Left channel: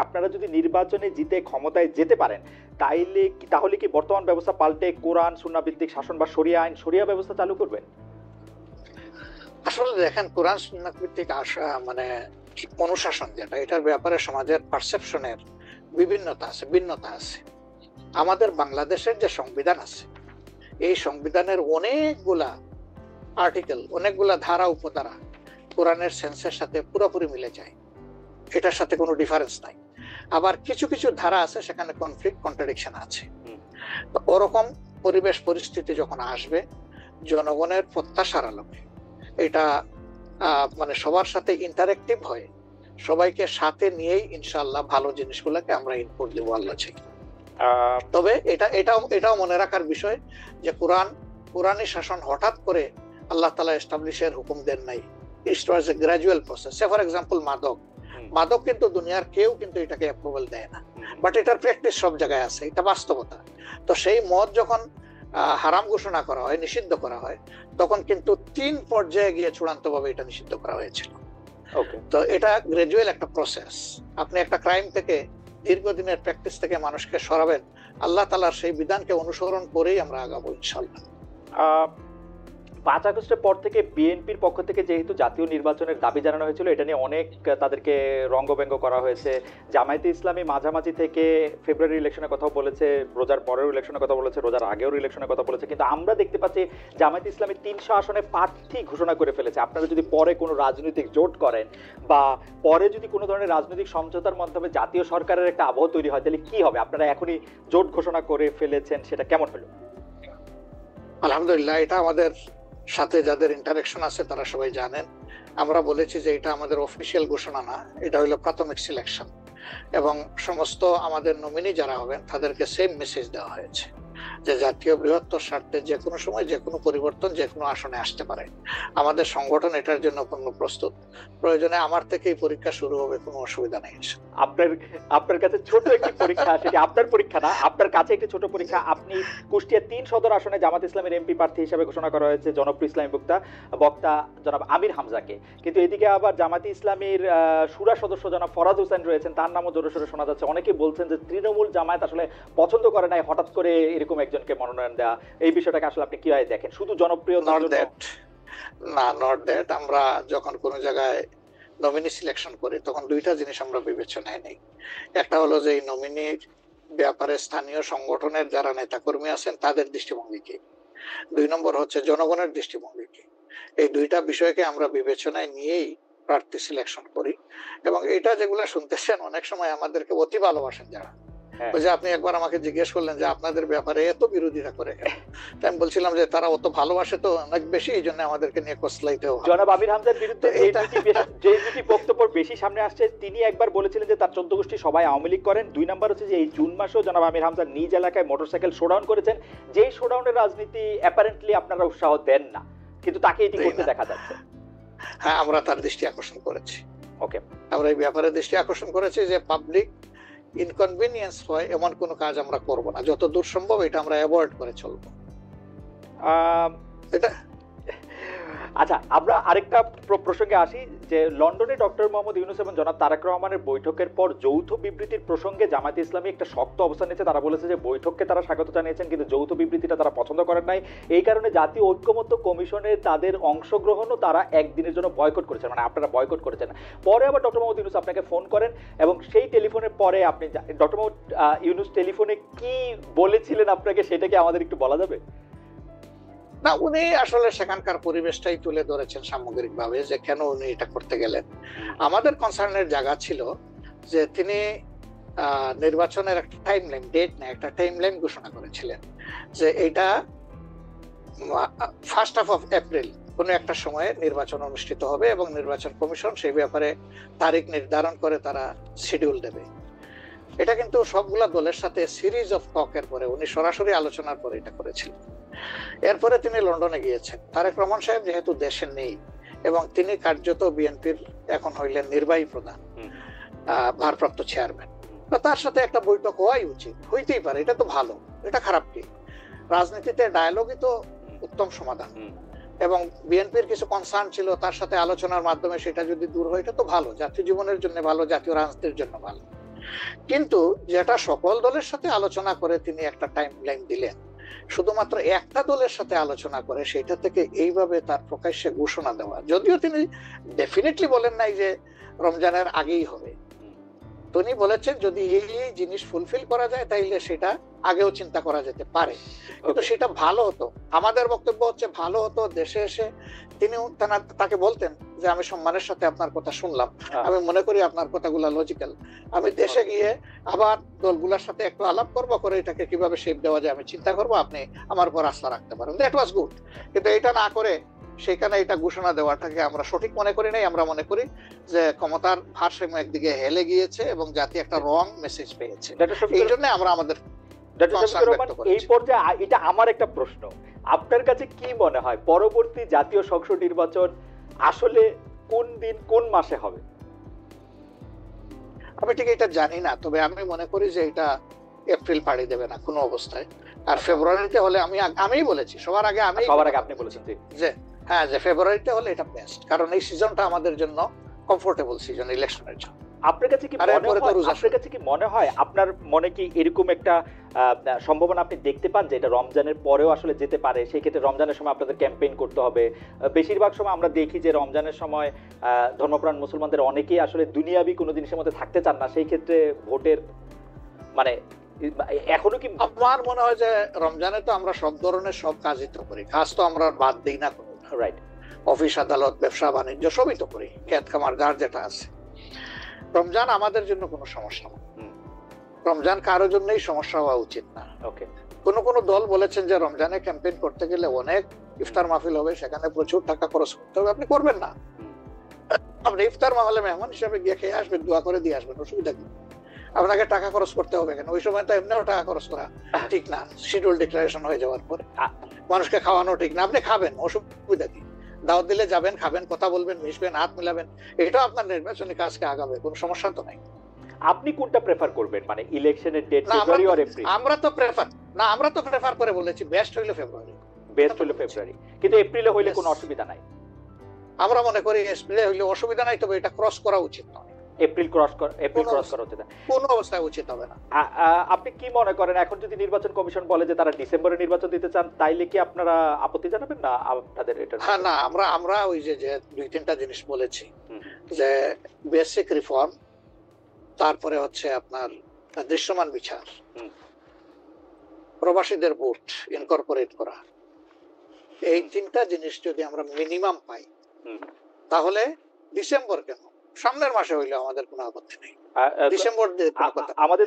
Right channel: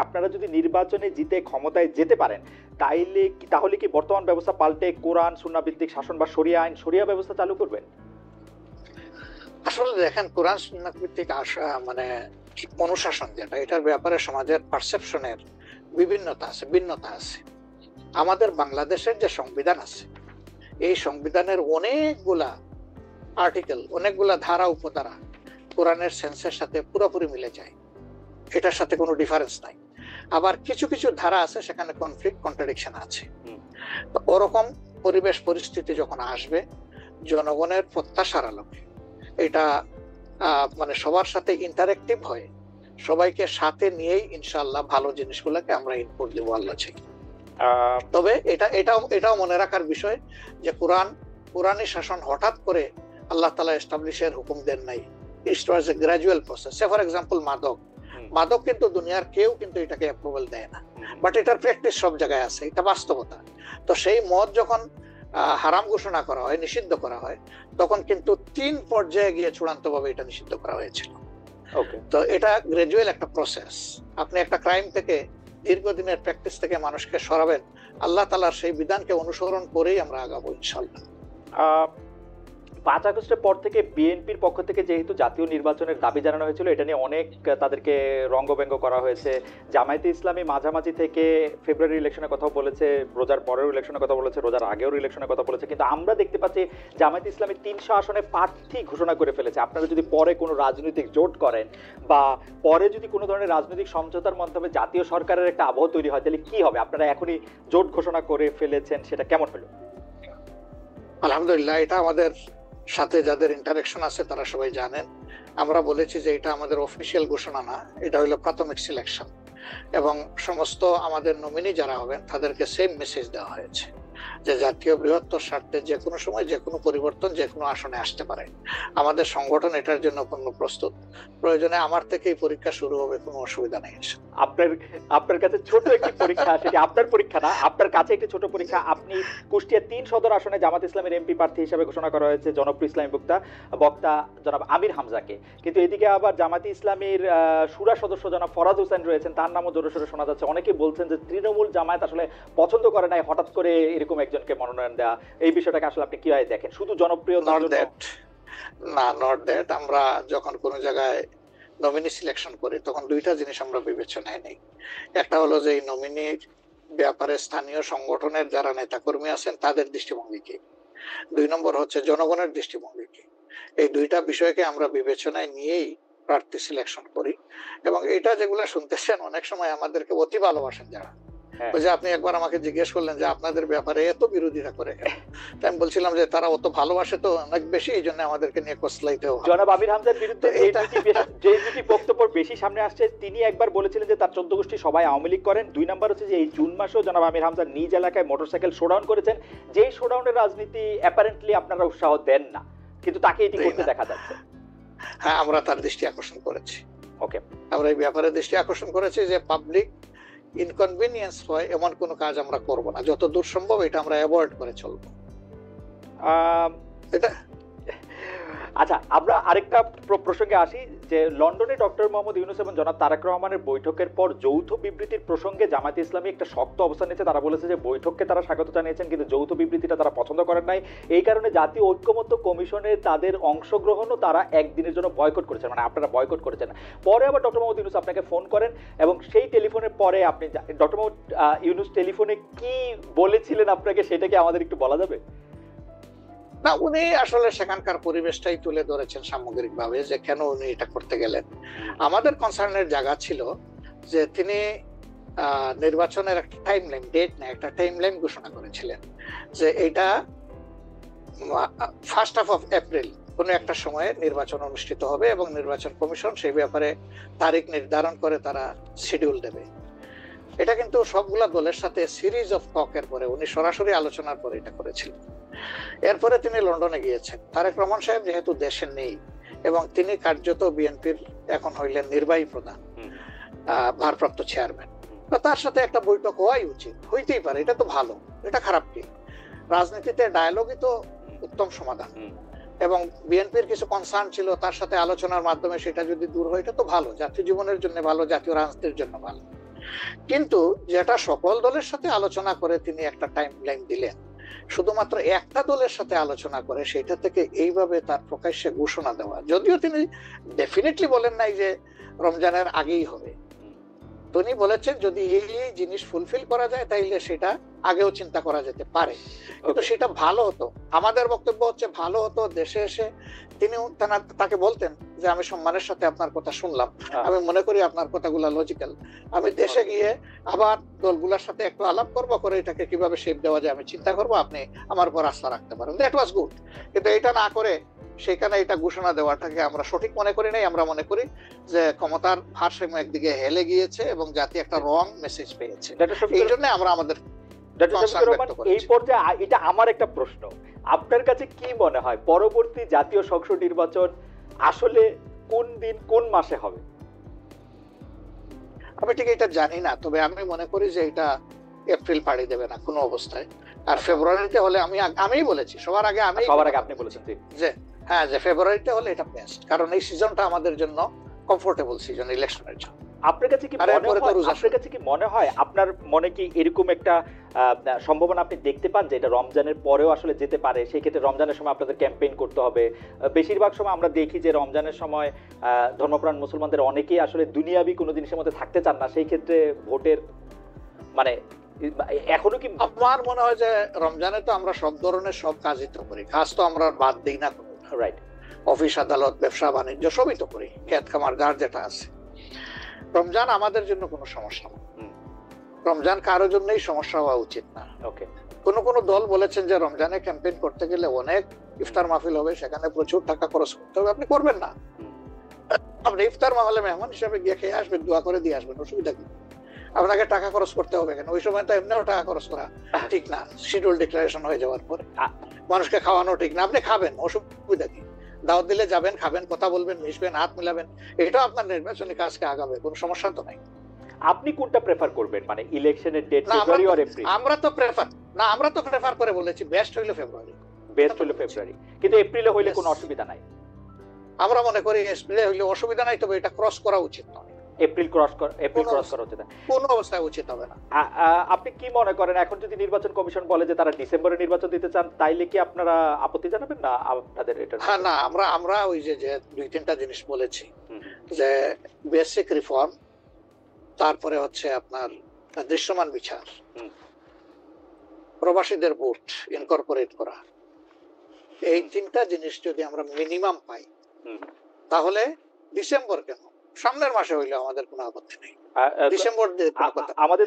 আপনারা যদি নির্বাচনে জিতে ক্ষমতায় যেতে পারেন তাহলে কি বর্তমান ব্যবস্থা পাল্টে কোরআন সুন্নাহ ভিত্তিক শাসন বা শরিয়া আইন শরিয়া ব্যবস্থা চালু করবেন? আসলে দেখেন, কোরআন সুন্নাহ ভিত্তিক মানে অনুশাসন যেটা, এটার ব্যাপারে সমাজের পারসেপশনের ভিন্নতা আছে। আমাদের বাংলাদেশের যে সংবিধান আছে, এই সংবিধানের অনেকগুলা আর্টিকেল, অনেকগুলা ধারা উপধারা কোরআনের সেন্সের সাথে পুরোপুরি মিলে যায়, এটার সাথে কোনো ডিফারেন্স নাই। আবার কিছু কিছু ধারা আছে সেখানে কনফ্লিক্ট, কন্ট্রাডিকশন আছে। ওরকম পরিবেশ পরিস্থিতি যখন আসবে, জনগণের প্রত্যাশার আলোকে এটা মানে সবার সাথে ইন্টারেক্টিভ হয়ে সবাইকে সাথে নিয়েই ইনশাআল্লাহ ভালো জিনিসগুলোকে আমরা ইনপুট দেবো আল্লাহ চাই। তবে এটাও মনে রাখার বিষয় যে কোরআনী শাসন হঠাৎ করে আল্লাহ তাআলা এস্টাবলিশের হুকুম দেন নাই। It was a gradual process. For example মাদক কিন্তু দুনিয়ার কেউ কিন্তু এটাকে অ্যাপ্রুভাল দেয় না, বাট এটার প্র্যাকটিস সব জায়গায় আছে, এটা বাস্তবতা। তো সেই মদ যখন হারাম ঘোষণা করা হয়, নিষিদ্ধ করা হয়, তখন কিন্তু 3 পর্যায়ে গিয়ে চূড়ান্ত ভাবে এটা নিষিদ্ধ করা হয়েছিল। তো এটা গ্রাজুয়াল একটা প্রসেস। আপনি একটা ক্রাইম থেকে, দীর্ঘদিনের প্র্যাকটিস থেকে মানুষকে সরাবেন, আল্লাহ তাআলার সেই বিধানকে অনুসরণ করেই আমরা আগাবো ইনশাআল্লাহ। 5 আগস্টের পর থেকে বিএনপির পক্ষ থেকে যেহেতু জাতীয় নির্বাচনের দাবি জানানো হয়েছিল, এটা নিয়ে অনেক তাদেরকে রঙ্গব্যঙ্গ করা হয়েছে। জামায়াতে ইসলামী মাঝামাঝি থেকে ফেব্রুয়ারি ইলেকশনের কথা বলেছে, রোজার পরেও ইলেকশনের কথা বলেছে, রোজার আগেও ইলেকশনের কথা বলেছে, কিন্তু আমরা দেখতে পাচ্ছি জামায়াতে ইসলামী 300 আসনে প্রার্থী ঘোষণা করে ফেলেছে। আপনারা যদি পরে কোনো রাজনৈতিক জোট করেন বা পরে যদি কোনো ধরনের রাজনৈতিক সমঝোতার মাধ্যমে জাতীয় সরকারের একটা আবহ তৈরি হয়, তাহলে কি হবে? আপনারা এখনই জোট ঘোষণা করে ফেলেছেন, সেটা কেমন হলো? আলহামদুলিল্লাহ, এটা আমাদের সাথে যাদের ইন্টারেকশন আছে তারা সবাই জানেন। আমরা বলেছি যে এটা আমাদের অফিসিয়াল ঘোষণা না, এটা হলো প্রাথমিক সিলেকশন, এবং সমস্ত আমাদের নমিনি যারা হবেন তাদেরকে সেম মেসেজ দেওয়া হয়েছে যে জাতীয় বৃহত্তর স্বার্থে যে কোনো সময় যে কোনো পরিবর্তন যে কোনো আসনে আসতে পারে। আমাদের সংগঠন এটার জন্য পূর্ণ প্রস্তুত। প্রয়োজনে আমার থেকেই পরীক্ষা শুরু হবে, কোনো অসুবিধা নেই। আপনার কাছে ছোট একটি পরীক্ষা, সেটি আপনার পরীক্ষা না, আপনার কাছে একটি ছোট পরীক্ষা। আপনি কুষ্টিয়া 3 সদর আসনে জামাত ইসলামের এমপি প্রার্থী হিসেবে ঘোষণা করা হয়েছে জনপ্রিয় ইসলামী বক্তা জনাব আমির হামজাকে, কিন্তু এদিকে আবার জামাতে ইসলামীর শুরা সদস্য জনাব ফরাদ হোসেন রয়েছেন, তার নামও জোরে সোরে শোনা যাচ্ছে। অনেকে বলছেন যে তৃণমূল জামায়াত আসলে পছন্দ করে নাই হঠাৎ করে এরকম একজনকে মনোনয়ন দেওয়া। এই বিষয়টাকে আসলে আপনি কিভাবে দেখেন? শুধু জনপ্রিয় না, নট দ্যাট। আমরা যখন কোনো জায়গায় নমিনি সিলেকশন করি তখন 2টা জিনিস আমরা বিবেচনায় নেই। একটা হলো যে এই নমিনির ব্যাপারে স্থানীয় সংগঠনের যারা নেতাকর্মী আছেন তাদের দৃষ্টিভঙ্গি কি, 2 নম্বর হচ্ছে জনগণের দৃষ্টিভঙ্গি কি। এই 2টা বিষয়কে আমরা বিবেচনায় নিয়েই প্রার্থী সিলেকশন করি। এবং এটা যেগুলো শুনতেছেন, অনেক সময় আমাদেরকে অতি ভালোবাসেন যারা, ওই যে আপনি একবার আমাকে জিজ্ঞেস করলেন যে আপনাদের ব্যাপারে এত বিরোধিতা করে কেন, আমি বলছিলাম যে তারা অত ভালোবাসে তো অনেক বেশি, এই জন্য আমাদেরকে নিয়ে কসলাইতে হয়। জনাব আমির হামজার বিরুদ্ধে যে দুটি বক্তব্য বেশি সামনে আসছে, তিনি একবার বলেছিলেন যে তার 14 গোষ্ঠী সবাই আওয়ামী লীগ করেন। 2 নাম্বার হচ্ছে যে এই জুন মাসেও জনাব আমির হামজা নিজ এলাকায় মোটরসাইকেল শোডাউন করেছেন, যেই শোডাউনের রাজনীতি অ্যাপারেন্টলি আপনারা উৎসাহ দেন না, কিন্তু তাকে এটি করতে দেখা যাচ্ছে। হ্যাঁ, আমরা তার দৃষ্টি আকর্ষণ করেছি। ওকে, আমরা এই ব্যাপারে দৃষ্টি আকর্ষণ করেছি যে পাবলিক ইনকনভিনিয়েন্স হয় এমন কোনো কাজ আমরা করব না, যত দূর সম্ভব এটা আমরা অ্যাভয়েড করে চলবো। এটা আচ্ছা, আমরা আরেকটা প্রসঙ্গে আসি যে লন্ডনে ডক্টর মোহাম্মদ ইউনূস এবং জনাব তারেক রহমানের বৈঠকের পর যৌথ বিবৃতির প্রসঙ্গে জামায়াতে ইসলামী একটা শক্ত অবস্থান নিয়েছে। তারা বলেছে যে বৈঠককে তারা স্বাগত জানিয়েছেন, কিন্তু যৌথ বিবৃতিটা তারা পছন্দ করেন নাই। এই কারণে জাতীয় ঐক্যমত্য কমিশনে তাদের অংশগ্রহণও তারা একদিনের জন্য বয়কট করেছেন, মানে আপনারা বয়কট করেছেন। পরে আবার ডক্টর মোহাম্মদ ইউনূস আপনাকে ফোন করেন এবং সেই টেলিফোনের পরে আপনি ডক্টর মোহাম্মদ ইউনূস টেলিফোনে কি বলেছিলেন আপনাকে, সেটা কি আমাদের একটু বলা যাবে? না, উনি আসলে সেখানকার পরিবেশটাই তুলে ধরেছেন সামগ্রিকভাবে যে কেন উনি এটা করতে গেলেন। আমাদের কনসার্নের জায়গা ছিল যে তিনি নির্বাচনের একটা টাইম লাইন, ডেট না, একটা টাইম লাইন ঘোষণা করেছিলেন যে এটা 1st of April কোনো একটা সময়ে নির্বাচন অনুষ্ঠিত হবে এবং নির্বাচন কমিশন সেই ব্যাপারে তারিখ নির্ধারণ করে তারা শিডিউল দেবে। এটা কিন্তু সবগুলা দলের সাথে সিরিজ অফ টকের পরে, উনি সরাসরি আলোচনার পরে এটা করেছিলেন। এরপরে তিনি লন্ডনে গিয়েছেন। তারেক রহমান সাহেব যেহেতু দেশে নেই এবং তিনি কার্যত বিএনপির এখন হইলেন নির্বাহী প্রধান, তার সাথে একটা বৈঠক হওয়াই উচিত, হইতেই পারে, এটা তো ভালো, এটা খারাপ কি? রাজনীতিতে ডায়ালগই তো উত্তম সমাধান। এবং বিএনপির কিছু কনসার্ন ছিল, তার সাথে আলোচনার মাধ্যমে সেটা যদি দূর হয় এটা তো ভালো, জাতীয় জীবনের জন্য ভালো, জাতীয় রাজনীতির জন্য ভালো। কিন্তু যেটা সকল দলের সাথে আলোচনা করে তিনি একটা টাইম লাইন দিলেন, শুধুমাত্র একটা দলের সাথে আলোচনা করে সেটা থেকে এইভাবে তার প্রকাশ্যে ঘোষণা দেওয়া, যদিও তিনি ডেফিনেটলি বলেন নাই যে রমজানের আগেই হবে, তিনি বলেছেন যদি এই জিনিস ফুলফিল করা যায় তাইলে সেটা আগেও চিন্তা করা যেতে পারে, কিন্তু সেটা ভালো হতো। আমাদের বক্তব্য হচ্ছে ভালো হতো দেশে এসে তিনি তাকে বলতেন যে আমি সম্মানের সাথে আপনার কথা শুনলাম, আমি মনে করি আপনার কথাগুলো লজিক্যাল, আমি দেশে গিয়ে আবার দলগুলোর সাথে একটু আলাপ করবো, করে তাকে কিভাবে শেপ দেওয়া যায় আমি চিন্তা করবো, আপনি আমার উপর আস্থা রাখতে পারেন। That was good. কিন্তু এটা না করে সেখানে এটা ঘোষণা দেওয়াটাকে আমরা সঠিক মনে করি নাই। আমরা মনে করি যে ক্ষমতার ভারসাম্য একদিকে হেলে গিয়েছে এবং জাতি একটা রং মেসেজ পেয়েছে। এই জন্য আমরা আমাদের এই পর্যায়ে এটা আমার একটা প্রশ্ন, আপনার কাছে কি মনে হয় পরবর্তী জাতীয় সংসদ নির্বাচন আসলে কোন দিন কোন মাসে হবে? আমি ঠিক এটা জানি না, তবে আমি মনে করি যে এটা এপ্রিল পাড়ি দেবে না কোনো অবস্থায়, আর ফেব্রুয়ারিতে হলে আমি বলেছি সবার আগে আপনি বলেছেন যে হ্যাঁ, যে ফেব্রুয়ারিতে হলে এটা বেস্ট, কারণ এই সিজনটা আমাদের জন্য কমফোর্টেবল সিজন। ইলেকশন মনে হয় আপনার মনে কি এরকম একটা সম্ভাবনা আপনি দেখতে পান যে এটা রমজানের পরেও আসলে যেতে পারে? সেই ক্ষেত্রে রমজানের সময় আপনাদের ক্যাম্পেইন করতে হবে। বেশিরভাগ সময় আমরা দেখি যে রমজানের সময় ধর্মপ্রাণ মুসলমানদের অনেকেই আসলে দুনিয়াবি কোনো জিনিসের মধ্যে থাকতে চান না, সেই ক্ষেত্রে ভোটের মানে এখনো কি আমার মনে হয় যে রমজানে তো আমরা সব ধরনের সব কাজই তো করি, কাজ তো আমরা বাদ দিই না কোনো। রাইট, অফিস আদালত ব্যবসা বাণিজ্য সবই তো করি, ক্ষেত খামার যার যেটা আছে। রমজান আমাদের জন্য কোনো সমস্যা না, রমজান কারোর জন্যই সমস্যা হওয়া উচিত না। ওকে, কোন কোন দল বলেছেন যে রমজানে ক্যাম্পেইন করতে গেলে অনেক ইফতার মাহফিল হবে, সেখানে প্রচুর টাকা খরচ করতে হবে। আপনি করবেন না, আপনি ইফতার মাহফিলে মেহমান হিসাবে দিয়ে খেয়ে আসবেন, দোয়া করে দিয়ে আসবেন, অসুবিধা কি? আপনাকে টাকা খরচ করতে হবে কেন? ওই সময় তো এমনিও টাকা খরচ করে ঠিক না, শিডিউল ডিক্লারেশন হয়ে যাওয়ার পর মানুষকে খাওয়ানো ঠিক না। আপনি খাবেন, অসুবিধা কি? দাওয়াত দিলে যাবেন, খাবেন, কথা বলবেন, মিশবেন, হাত মেলাবেন, এটা আপনার নির্বাচনী কাজকে আগাবে, কোনো সমস্যা তো নাই। আপনি কোনটা প্রেফার করবেন, মানে ইলেকশনের ডেট ফেব্রুয়ারি আর এপ্রিল? আমরা তো প্রেফার করে বলেছি বেস্ট হইলো ফেব্রুয়ারি, কিন্তু এপ্রিলে হইলে কোনো অসুবিধা নাই। আমরা মনে করি এপ্রিলে হইলে অসুবিধা নাই, তবে এটা ক্রস করা উচিত নয়। এপ্রিল ক্রস করা উচিত না, কোনো অবস্থায় উচিত হবে না। আপনি কি মনে করেন এখন যদি নির্বাচন কমিশন বলে যে তারা ডিসেম্বরে নির্বাচন দিতে চান, তাইলে কি আপনারা আপত্তি জানাবেন না আপনাদের এটা? না, আমরা ওই যে দুই তিনটা জিনিস বলেছি, যে বেসিক রিফর্ম, তারপরে হচ্ছে আপনার দৃশ্যমান বিচার, প্রবাসীদের ভোট ইনকর্পোরেট করা, এই তিনটা জিনিস যদি আমরা মিনিমাম পাই তাহলে ডিসেম্বর কেন, সামনের মাসে হইলে আমাদের কোনো আপত্তি নেই। ডিসেম্বর আমাদের